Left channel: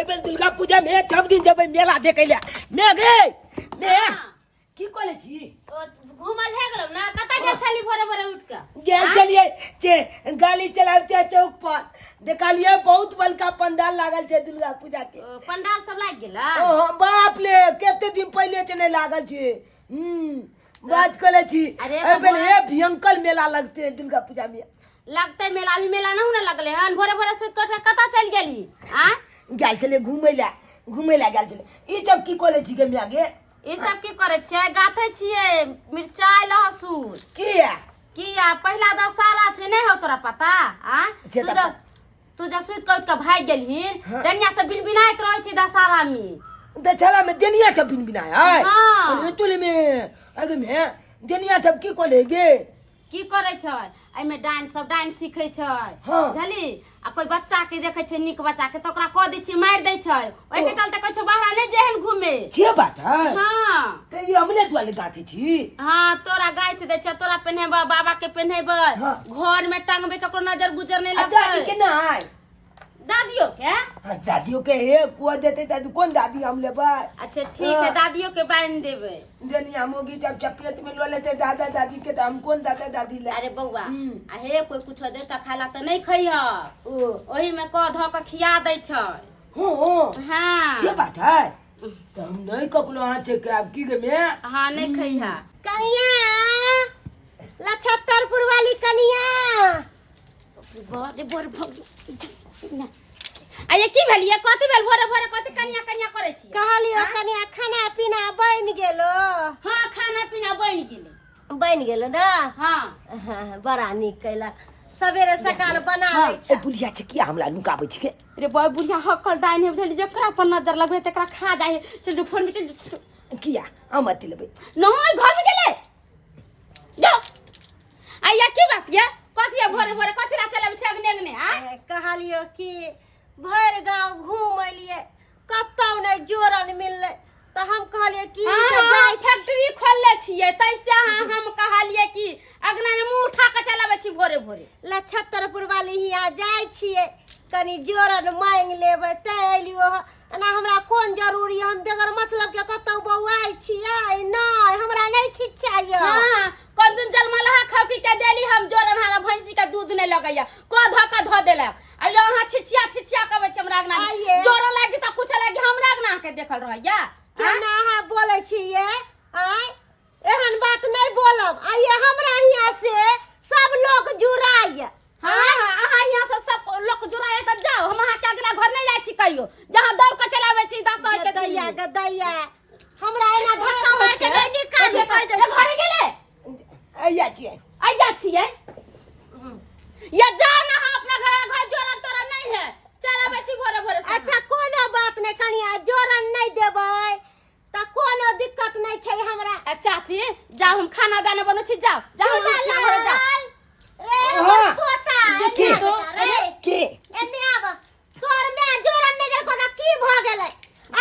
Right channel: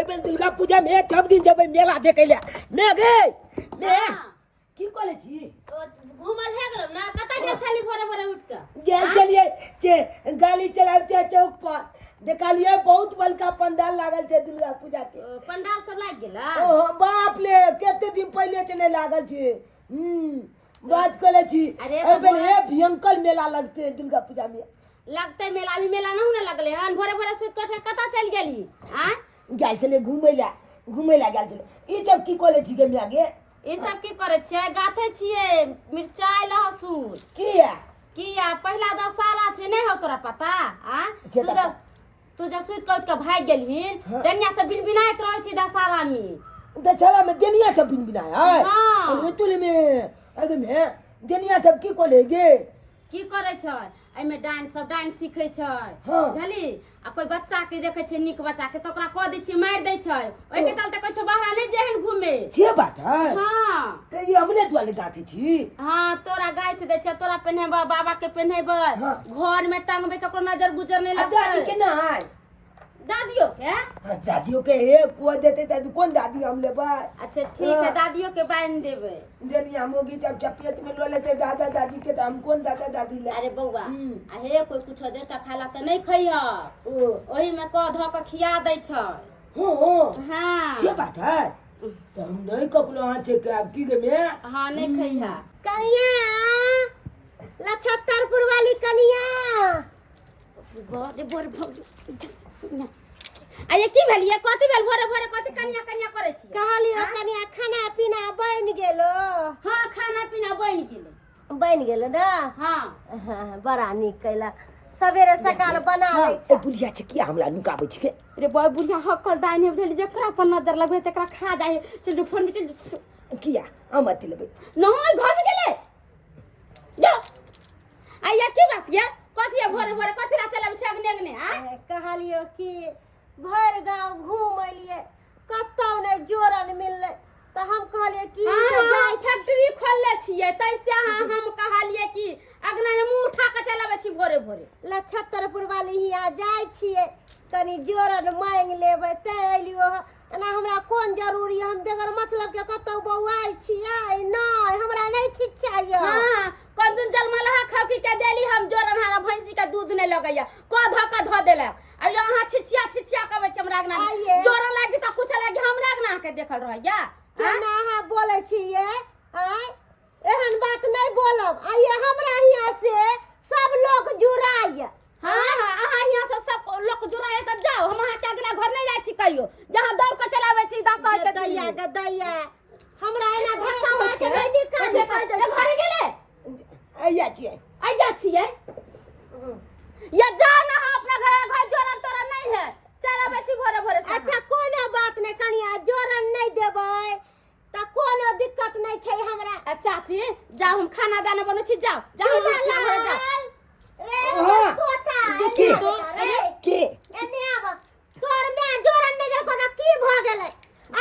Abel Durga Puja में सब दिन जब मेला देखे ले मैं गए मैं की कोले छी घूमल है गेलो ना कता गेल छली भोरे भोरे उठ के गेल चलिए गाड़ी चलाते चौक पर देखलिए बहुत बड़का पंडाल लागल छे दुर्गा पूजा के पंडाल सब लाग गेला बाप ले केते दिन पहले से नहीं लागल छे बात करे छी एबेल हे भयंकर मेला लगते दुर्गा पूजा में लगते मेला अभी मेला ना होने लगले हन भोरे भोरे सुत के कता चल गेली आ गेल चले घूमे ला गेल चले ई सब की कोले छी के मियागे ई सब की करे छियै गाथे छियै मिरचाई लहसुन किया पहला दशहरा छै नहीं हो तोरा पता आ तू जा सुत के भाग गेलहिन दनिया से बिनबिनाइत रहै छी दशहरा में दशहरा में दनिया सब बिनबिनाय है हां तोले में आगे में दनिया सब की कोले गे की करे छै एमे डांस सीखे छै बुझली आ कोई बच्चा के देखे छै निक बच्चा के त ओकरा क दै छै मार दै छै ओइ के चलते कहै छै बाहर नै जेहन घूमे छे बात है हां त ई हमले वाले गाथी छी हां तोरा गाइथ दै छै तोरा पहनेबा बाबा के पहनेबा घर में टांगबे ककरो नजर गुजर नै लगतै दादी के नाय दादियों के एक को देते दादी कौन दादी हम लेबा अच्छा ठीक है दादियों के बांध देबे जनी हमोगी जब चपेट में लो लेते दादा दादी के हम कौन दादा दादी ले अरे बौआ आ हे कोई कुछ देता खाला त नहीं खइह ओही में क ध के खिया दै छै हो हां से बात है त हम नहीं ककलो हां छे के अब की गे में हां नहीं खइह कनिया लछत्तरपुर वाली कनिया बड़े बड़ भग आ ये की भेलिए कथि भेल भोरे भोरे कथि कनिया करे छी कहलियो कनिया खाना पीना बन गेलो हां खाना पीना बन गेलो ना हां बड़ा नीक कैला सवेरे सकाल बना लै छै ए बुलिया छै की हमरा नुकाबै छी के रे बॉय बुलिया हक्कल डाइन हे बुझली जकरा पर नजर लगबे तकरा खा जाए चल फोन में चल किया हम अति लेबै नहीं घर में गेले जा आया की बात ये कथि भोरे भोरे कथि ला चले छै अगने हां कहलियो कि भर गांव घूम लिए कतौ नहीं जोरन मिलले त हम कहलिए कि से जाय फैक्ट्री खोलले छिए तैसे हम कहलिए कि अगना में मुंह उठा के चलाबे छी भोरे भोरे लछत्तरपुर वाली हिया जाय छिए कनी जोरन मांग लेबै त एलियो ना हमरा कोन जरूरी हम बेगर मतलब के कतौ बौआई छिए नहीं हमरा नहीं ठीक चाहिए हां कोन दिन जलमलहा खापी के देली हम जोरन हारा भैंसी के दूध नहीं लगैया को धक्का ध देलक आ यहाँ छिछिया कहबै छै हमरा अगना जोर लागी त कुछ लागी हमरा अगना के देखल रहैया ना हां बोलै छिए आय एहन बात नहीं बोलब आइए हमरा हिया से सब लोग जुड़ाइए हां अहाँ यहाँ से सब लोग जुड़ाइए त जाओ हम अहाँ के अगना घर नहीं जाय छी कहियो जहां दौड़ के चलाबै छी 10 के दैया हमरा एना धक्का मार के नहीं निकाल कह दे घर गेले आइया छिए या जा ना अपना घर जोरन तोरन नहीं है चलाबै छी भोरे भोरे अच्छा कोनो बात नहीं कनिया जोरन नहीं देबै त कोनो दिक्कत नहीं छै हमरा चाची जाओ हम खाना दाना बनो छी जाओ अपना घर जाओ रे हमर पोता की की एने आब तोर में जोरन नहीं देलको त की भ गेलै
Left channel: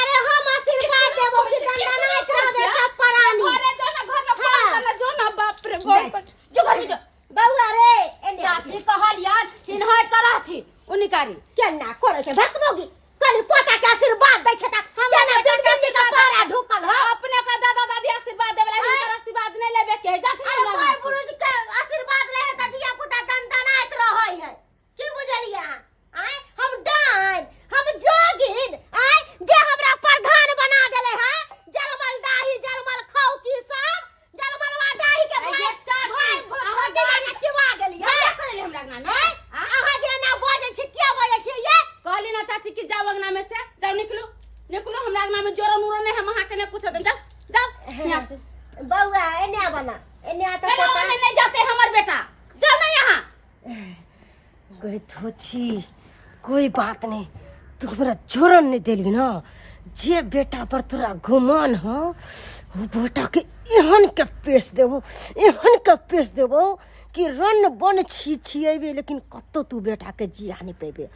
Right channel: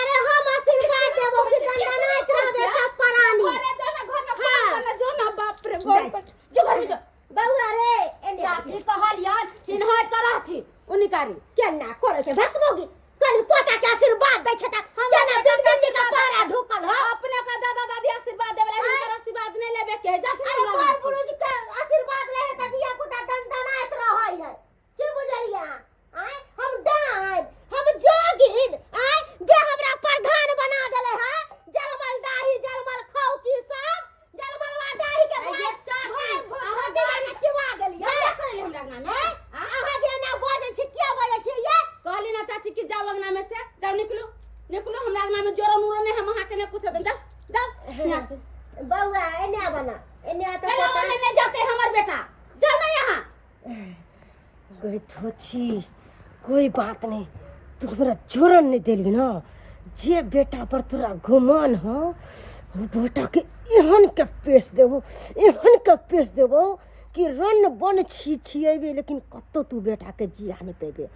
अरे हम आशीर्वाद देबो कि दंडनाइत रहबे सब प्राणी घरे जो ना घर में फोन जो ना बाप रे बाप जो घर में जो बउआ रे एने चाची कहलियन कि नहर कराथी उनिकारी केना करे छै भकबोगी कनी पोता के आशीर्वाद दै छै त केना बिंदी के पारा ढुकल ह अपने का दादा दादी आशीर्वाद देबे हिनकर आशीर्वाद नहीं लेबे के जाथी अरे बड़ पुरुष के आशीर्वाद ले त दिया पुता दंडनाइत रहै है की बुझलिया आय हम डाइन हम जोगिन आय जे हमरा प्रधान बना देले है जलमल दाही जलमल खाऊ की सब जलमलवा दाही के भाई चाची अहाँ दिगा नचवा गेलिए क्या करले हमरा अगना में अहाँ जे ना बोले छी किया बोले छी ये कहली ना चाची कि जाओ अगना में से जाओ निकलो हमरा अगना में जोरन उरन है हम अहाँ के ने कुछ दे जाओ यहां से बउआ एने बना एने आ त पता नहीं जाते हमर बेटा जाओ ना यहां गई थोची कोई बात नहीं तू हमरा जोरन नहीं देली ना जे बेटा पर तोरा घुमान हो वो बेटा के एहन के पेश देबो कि रन बन छिएबे लेकिन कतो तू बेटा के जिया नहीं पेबे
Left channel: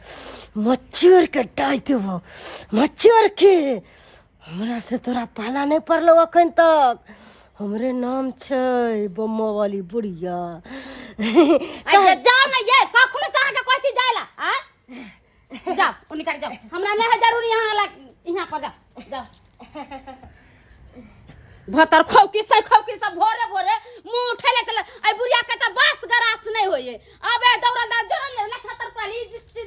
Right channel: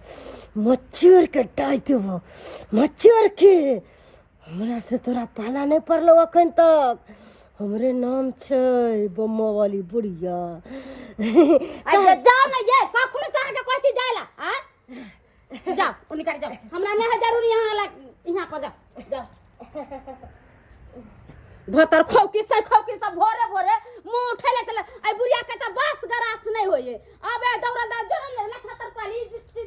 मच्छर के डाय देबो मच्छर के हमरा से तोरा पाला नहीं पड़लो अखन तक हमरे नाम छै बम्मा वाली बुढ़िया जाओ ना ये कखनो से अहाँ के कोई चीज जायला जाओ ओ निकल जाओ हमरा नहीं है जरूरी यहाँ पर जाओ भतर खौकी सब भोरे भोरे मुंह उठेले चले आई बुढ़िया के त बस गरास नहीं होए अबे दौड़ा जरन ले छतर पाली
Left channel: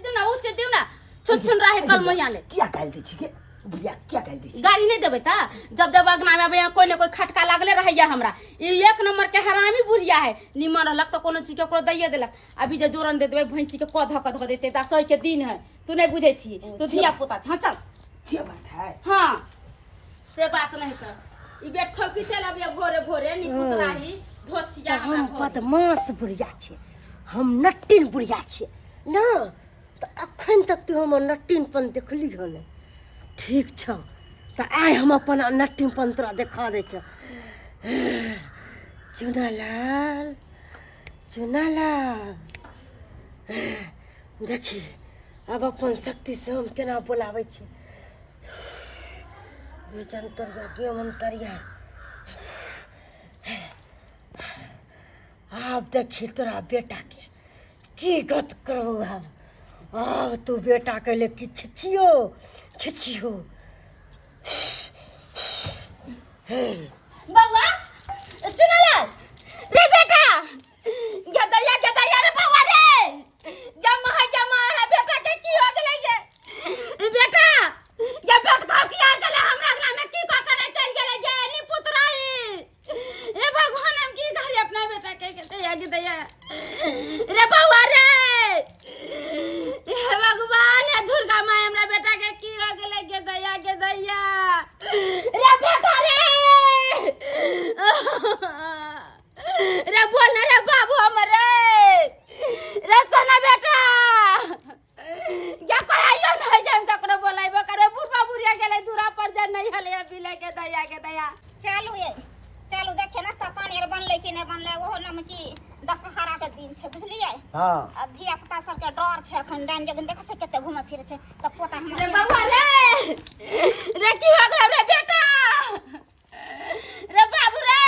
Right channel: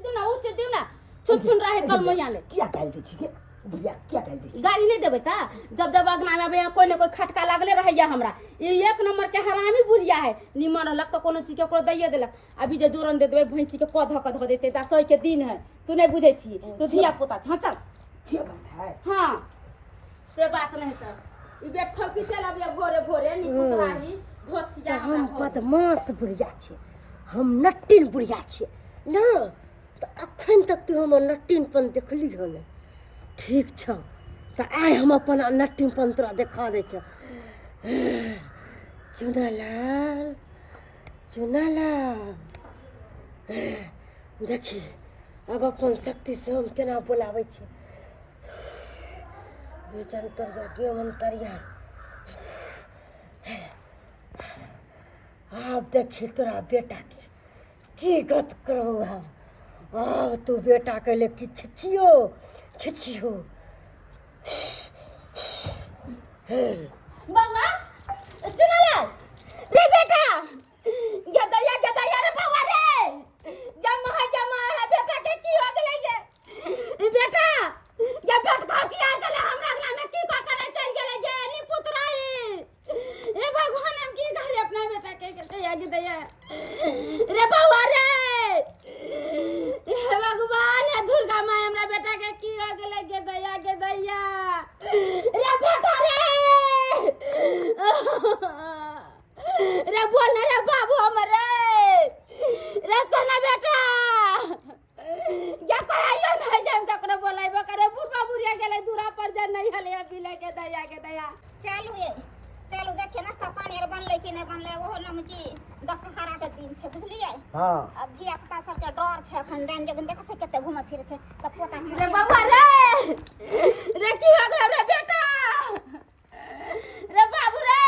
दिना उस दिना छुन रहे कल मैया ने क्या कहल दै छी के बुढ़िया क्या कहल दै छी गाड़ी नहीं देबे ता जब अगना में आबे कोई न कोई खटका लागले रहैया हमरा ई एक नंबर के हरामी बुढ़िया है निमन रहलक तो कोनो चीज के ओकरो दैये देलक अभी जे जोरन दे देबे भैंसी के कध देते ता सही के दिन है तू नहीं बुझे छी तू धिया पुता हां चल ये बात है हां से बात नहीं कर ई बेट खौकी चल अबे भोरे भोरे नी पुतराही धोछिया हम बदमाश बुढ़िया छे हम नट्टिन बुढ़िया छे ना तो अखन तक तू हम नट्टिनपन देखली हो ने ठीक छ तो आइ हम अपन नट्टिनपन तोरा देखा दे छ चुनालाल देखी अब अपन शक्ति से हम केना बुलावे छे बेचन तोरगा के मंतरिया अब देखी तोरा बेटा के की गत करो हम अब तू बेटा के ले कि छिछियो बाबा चुनालाल रे बेटा गदया रे बाबा रे जमा रे बेटा के की हो गेलै ये बेटा ये पेट खा के आ चले हमरा अगला में की का करे चल गेलै जे नी पुतराई रे भगवान हम की कहली अपना बेटा के दया रे बाबा रे हे भगवान हे दुर्गा माई हमरा बेटा के की हो गेलै के दया रे बेटा रे बोल रे बाबू हमरे रे सोना बेटा या कोई आयो नहीं जान ककरो बोलाइबो करे बुढ़ा बुढ़िया गेले दूरा पर जा नहीं हले बिले के दया चालू देखे नाश्ता पानी और बनले कि नहीं बनले ओहो नाम की दशहरा के दिन छे बुझलिए हां अब धिया पुता सब के डर छे अखन डान जगन देखे छे केते घुमे फिरे छे त पोता हम रे बाबा रे की हो गेल रे बेटा रे बाबू रे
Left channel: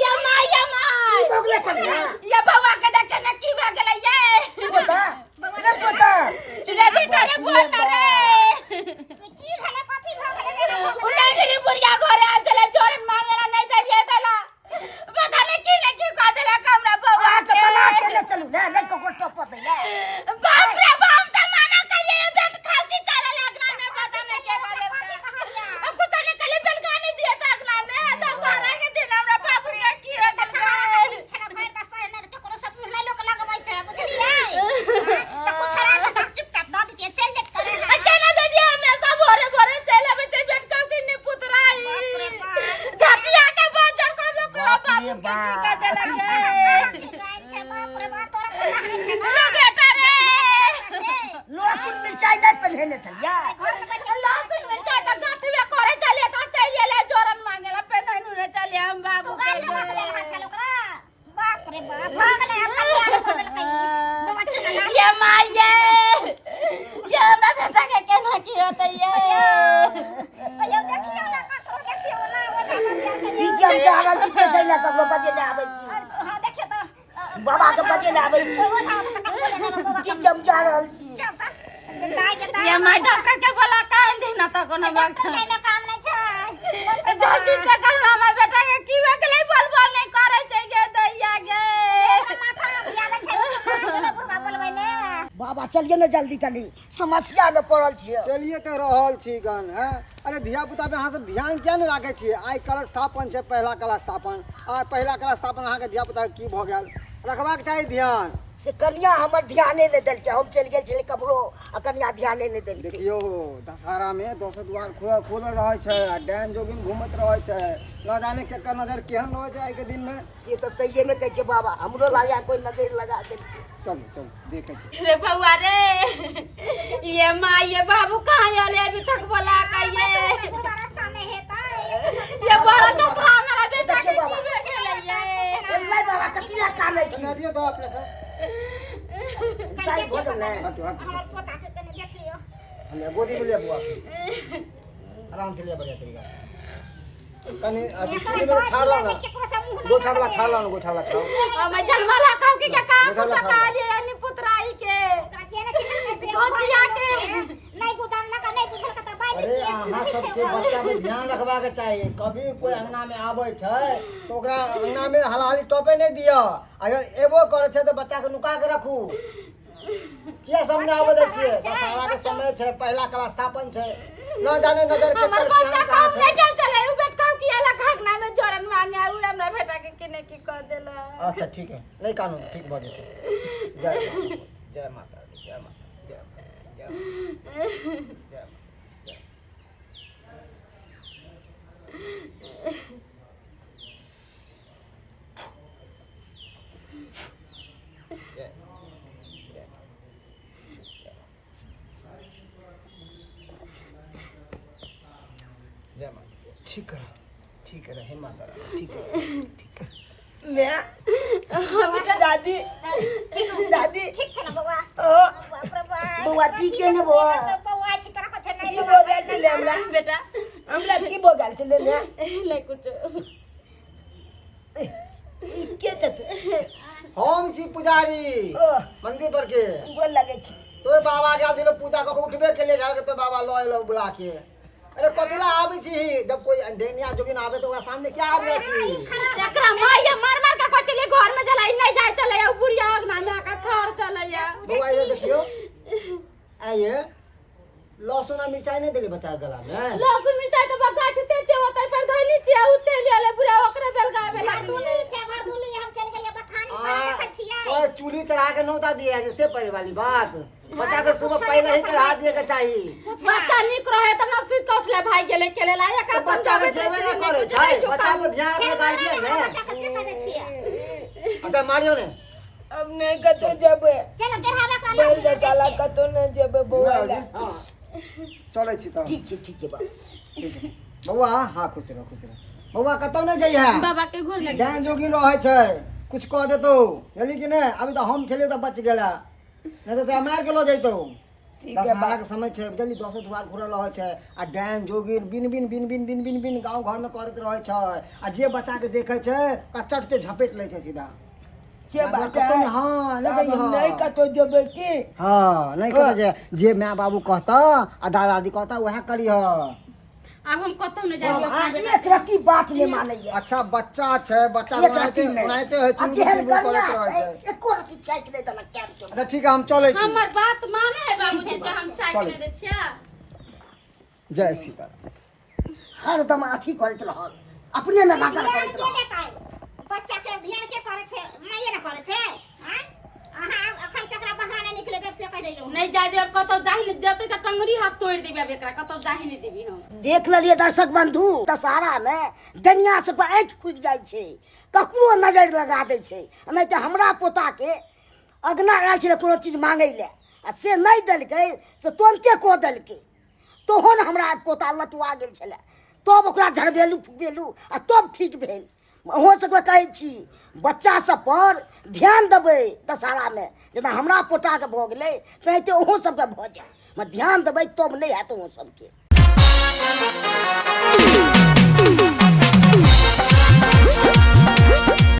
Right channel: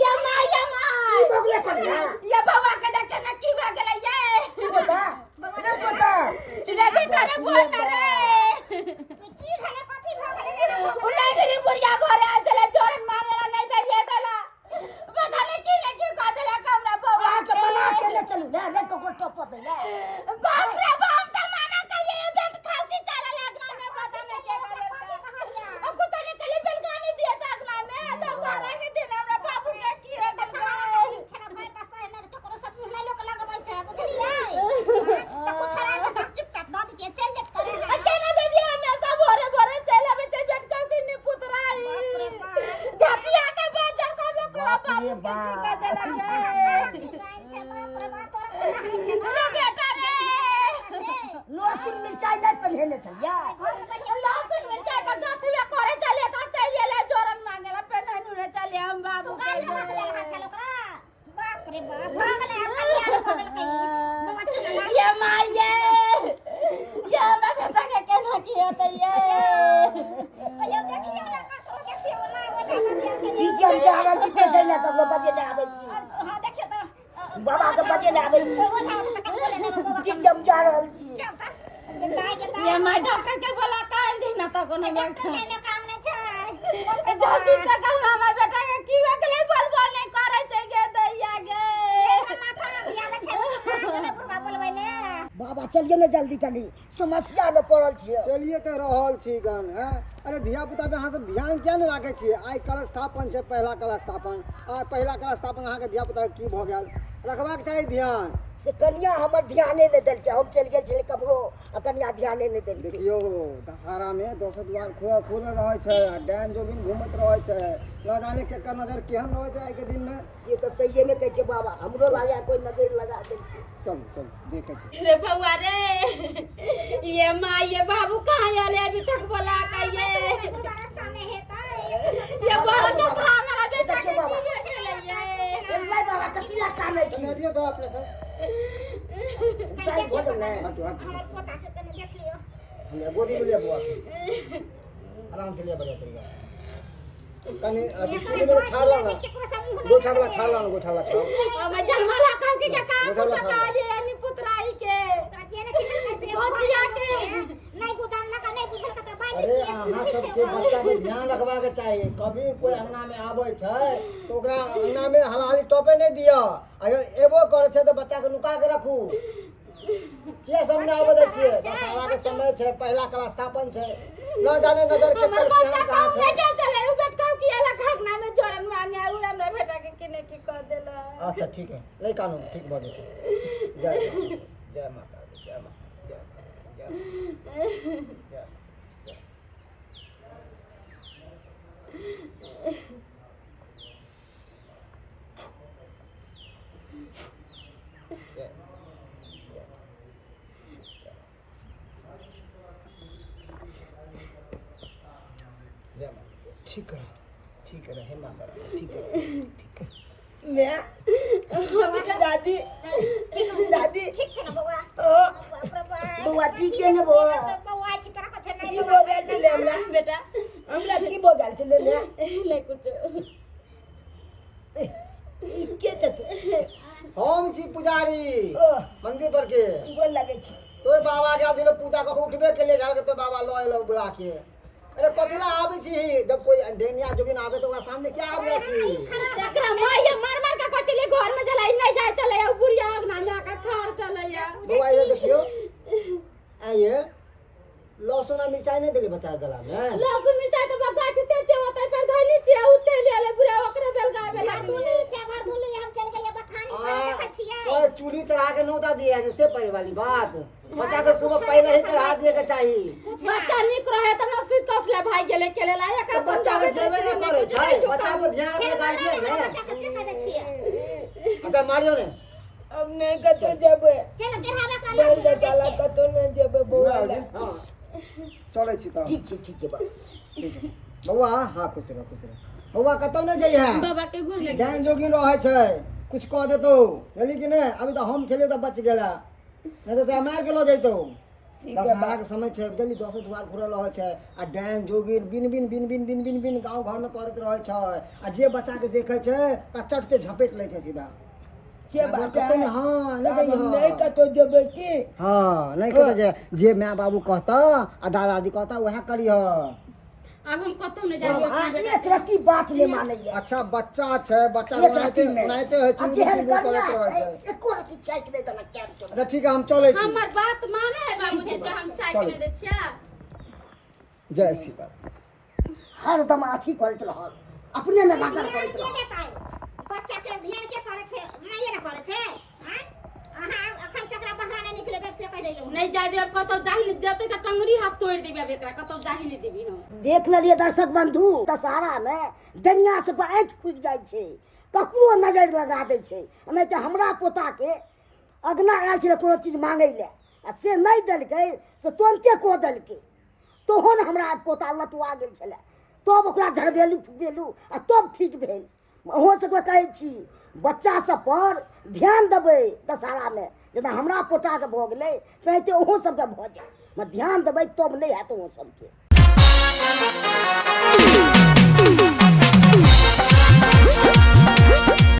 या माई बगले पर ना या बाबा के देखे न की हो गेल ये पता रे बेटा रे बोल ना रे की भले कथि भ गेले उलगरी बुढ़िया घरे आ चले जोरन मांगेला नहीं दलिए देला पता नहीं की कह देला कमरा बाबा के बना के ले चलू ना नहीं को टप दे बाप रे बाप त माना कहिए बेट खाओ की चले लगना में पता नहीं के कह देला कुछ नहीं कले बेलगानी दिए त अगना में तो सारा के दिन हमरा बाबू के की हो गल छना भाई त सह ने तो कोनो सब मुहला लोग लगबै छे बुझलिए त कुछरा से चुपचाप द दिए चल जे करे अकेला दे दिए हमेशा भोरे भोरे चले बच्चे बेट खाओ की नि पुतराई जातिया के बाजार को से बाप रे बाप कह देला छे बाप रे बाप तोरा रे बेटा रे लहसुन मिर्चाई नहीं पहले चलिया लहसुन मिर्चाई का गाथ में करे चले त चाहिए जोरन मांगेला पे नहीं रे चले हम बाबू बाप रे बाप भागले बाबा चला ये माई ये हमरा बेटा के केना की होतै ये अयो देखियो ना जी जब जागल की दैला ककरो बजे ना आबै छी हां देखियो त बाबा के बजे ना आबै छी जी जब जा रहल छी ये माई डॉक्टर के बोला काहे दिन त कोनो बात काम नहीं छै जल्दी से कर मामा बेटा के की हो गेलै बोल नहीं करे छै गे दैया गे माथा बिया छै बुढ़वा बोलबै ने बाबा चलिए ना जल्दी कनी समस्या में पड़ल छी चलिए तो रहल छी गन है अरे धिया पुता पे अहाँ सब ध्यान क्या नहीं राखे छी आई कलश स्थापन छै पहला कलश स्थापन आ पहला कलश स्थापन अहाँ के धिया पुता की भ गेल रखबाक चाही ध्यान से कन्या हमर ध्याने नहीं देल के हम चल गेल छले कपड़ो आ कन्या ध्याने नहीं देल के देखियो दशहरा में दोसर द्वार खुल रहे छै आ डैन जोगिन घूमत रहे छै न जाने केकर नजर केहन रहे छै आई के दिन में से तो सही में कहै छै बाबा हमरो लाया कोई नजर लगा देल चल देखे छी रे बउआ रे ये माँ ये बाबू कहाँ आले अभी तक बोला कहिए रास्ता में हेता ये बड़ा लफड़ा मेरा बेटा के देखियो बाबा। की भेल ये नहीं बाबा कतिया काले छी दियो तो अपने सब साइड भोजन नहीं हटो हमर पोता के कने देख लियो हमने गोदी में ले बुआ आराम से ले बढ़िया तरीका कनी स्कूल में छाड़ ला ना गोठा वाला छाड़ मैं जन्मला काम के काम गोठा कुछ वाला का लिए यानी पुतराई के काजे धोतिया के नहीं गुदान लगा नहीं बुझल कता बाली अरे अहाँ सबके बच्चा पे ध्यान रखबा के चाहिए। कभी कोई अंगना में आबै छै तो ओकरा अंगना में हलाली टोपे नहीं दिया। अगर एबो करे छै तो बच्चा के नुका के रखू। किया सामने आबै दै छियै? दशहरा के समय छै, पहला कला स्थापन छै, न जाने नजर के हमर तर बच्चा कहाँ काम छै। नहीं चल चले उ बेट काम किया ला घगना में जोरन मांगे आउ हमरा बेटा के केने की कर देला। अच्छा ठीक है, नहीं कानून ठीक भ जेतै। जय माता दी, जय माता दी, जय माता दी, जय माता जय माता। ठीक है, ठीक है, हे माता रानी, ठीक है, ठीक है। मैं दादी दादी ठीक छ न बौआ ओ बाप रे बाप बौआ ठीक है ना बौआ? बौआ छी तरह को छ की नहीं हो गेल छले हमरा? बेटा हमरा की हो गेल छले ने? ले कुछ ई के तत हम छी पुजारी ओ मंदिर पर के। गोल लगे छी। तोर बाबा गेल छलो पूजा क के उठबे के लिए घर के तो बाबा लो एलो बुला के। अरे कथिला आबै छी? जब कोई डेनिया जोगिन आवे तो ओकरा सामने क्या आबै छी? एकरा माय मार मार के कचले घर में जलाई नहीं जाय चले उ बुढ़िया अंगना में आका खार चलैया। बउआ ये देखियो, आइए लहसुन और मिर्चाई नहीं देली बच्चा के गला में। लहसुन मिर्चाई तो बगा थते छे होतै पर धइली छे उ चली आले बुढ़ा ओकरे बेलगावे लागली। भर दूली हम चल गेलिए बखानी पर देख छियै तो चूल्ही चढ़ा के नौता दिया जैसे परे वाली बात। बच्चा के सुबह पहले ही चढ़ा दिए के चाहिए। बच्चा निक रहे त ना सुत के उठले भाई गेले केले ला एक तो बच्चा के जेबे ना करे छै, बच्चा पे ध्यान रखे गार्जियन ने। बच्चा के से कह छियै अच्छा मारियो ने। अब नहीं कतो जबे चल बेहावा का बैल जा चला कतो न जबे बौआ ला। हां चलै छी त ठीक है बाबा। ठीक है बउआ। हां खुश रह, खुश रह बउआ। कतौ नहीं जाई है बाबा के घर ले डान जोगिन रहे छै, कुछ कह देतो जल्दी कि ने। अभी तो हम खेले तो बच गेला, नहीं तो मार के लो जइतो। ठीक है दशहरा के समय छै, जल्दी 10 द्वार घुरल रहे छै आ डान जोगिन बिन बिन बिन बिन बिन बिन बिन गांव घर में करत रहे छै आ जे बच्चा के देखे छै का चटते झपेट ले छै सीधा। जे बात कतौ नहीं। हां ले गई हां नहीं कतो जबे की हां नहीं कतो जे माँ बाबू कहता आ दादा दादी कहता वह करी ह। अब हम कतौ नहीं जाइयो हां एक रत्ती बात नहीं मानैया। अच्छा बच्चा छै, बच्चा एक रत्ती नहीं सुनाइते है अब जेहन करना छै एको रत्ती चाइक नहीं देना क्या चलो। अच्छा ठीक है हम चले छी। हमर बात माने है बाबूजी जे हम चाय के दे छिया। जय सीताराम। हरदम अथी करत रहल, अपने में लागल करत रहल। बच्चा के ध्यान के करे छे माये न करे छे हैं अहाँ अखन से एकरा बहाना निकले तब से कह देलो नहीं जाय देब कतौ जाहि जते त टंगरी हाथ तोड़ देबे अब एकरा कतौ जाहि नहीं देबी हम। देख लिये दर्शक बंधु, दशहरा में डनिया से आँख फूक जाय छै, ककरो नजर लगा दै छै। नहीं तो हमरा पोता के अगना आयल छलै कोनो चीज मांगै ले आ से नहीं देलकै से तुरंते कह देलकै। तोहन हमरा पोता लटुआ गेल छलै, तब ओकरा झड़बेलू फुकबेलू आ तब ठीक भेल। अहो सबके कहै छी बच्चा सब पर ध्यान देबै दशहरा में, जेना हमरा पोता के भऽ गेलै तेनाहिते ओहो सबके भऽ जाय। ध्यान देबै तब नहीं हैत ओहो सबके।